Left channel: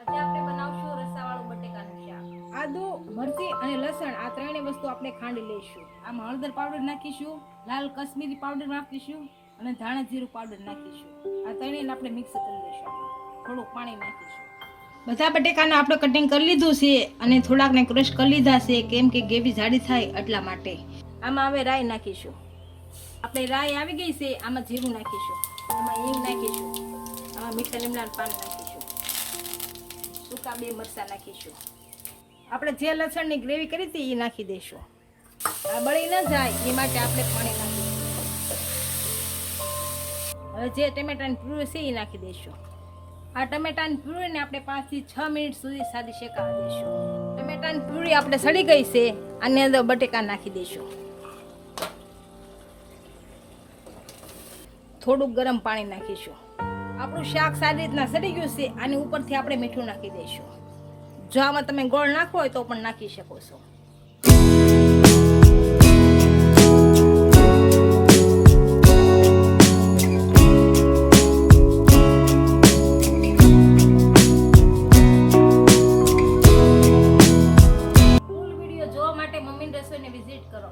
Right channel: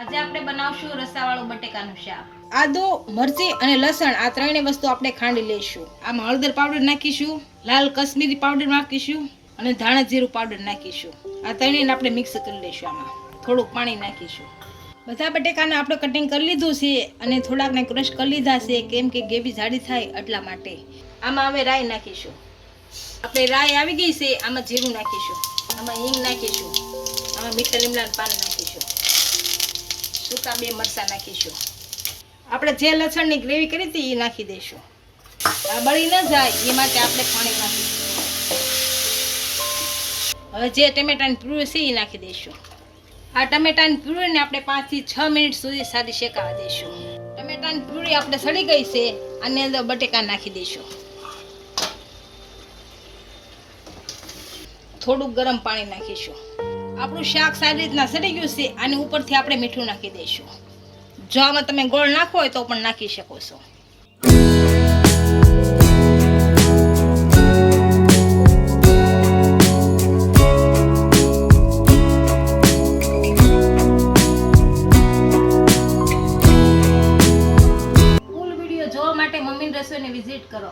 આજે આપણે બનાવશું રસાવાળું બટેકાનું શાક. આદુ, મરચી અને લસણ આ ત્રણેય વસ્તુ આપણે ખાંડી લઈશું. આમાં હળદર પાવડર નાખીશું, લાલ કશ્મીરી પાવડર નાખીશું અને ધાણા જીરું પાવડર નાખીશું. આ ત્રણેયને આપણે મિક્સ કરી લઈશું. આમાં થોડુંક પાણી નાખીશું. બધા બટેકાને આપણે કટિંગ કરી લીધું છે અને થોડાકને ક્રશ કરી લીધા છે, કેમ કે ગ્રેવી જાડી થાય એટલા માટે. આમાં હવે રાઈ નાખીશું. આપણે રાઈ આવી ગઈ છે, આમાં જીરું નાખીશું, આમાં હિંગ નાખીશું, આમાં મીઠા લીમડાના પાન નાખીશું, સૂકા 2 મરચાં નાખીશું. આપણે જે લસણની ગ્રેવી કરી હતી એ નાખી દઈશું. આ બળી ન જાય એ માટે આપણે પાણી નાખીશું. હવે જે ટમેટાની પ્યુરી છે એ નાખી દઈશું. આ ટમેટાની પ્યુરીને આપણે 5 થી 6 મિનિટ સુધી સાદી શેકાવા દઈશું. ટમેટાની પ્યુરી આપણે સડી ગઈ છે, આની અંદર બટેકા નાખી દઈશું. થોડુંક ગરમ પાણી નાખીશું. આપણું શાક સારી રીતના સડી ગયું છે. આની ઉપરથી આપણે મીઠું નાખી દઈશું. જો આમાં તમે ગોળ નાખવો હોય તો પણ નાખી શકો છો. ફૂલ વિડીયો જોવા માટે મમ્મીની રસોઈને વિઝિટ કરો.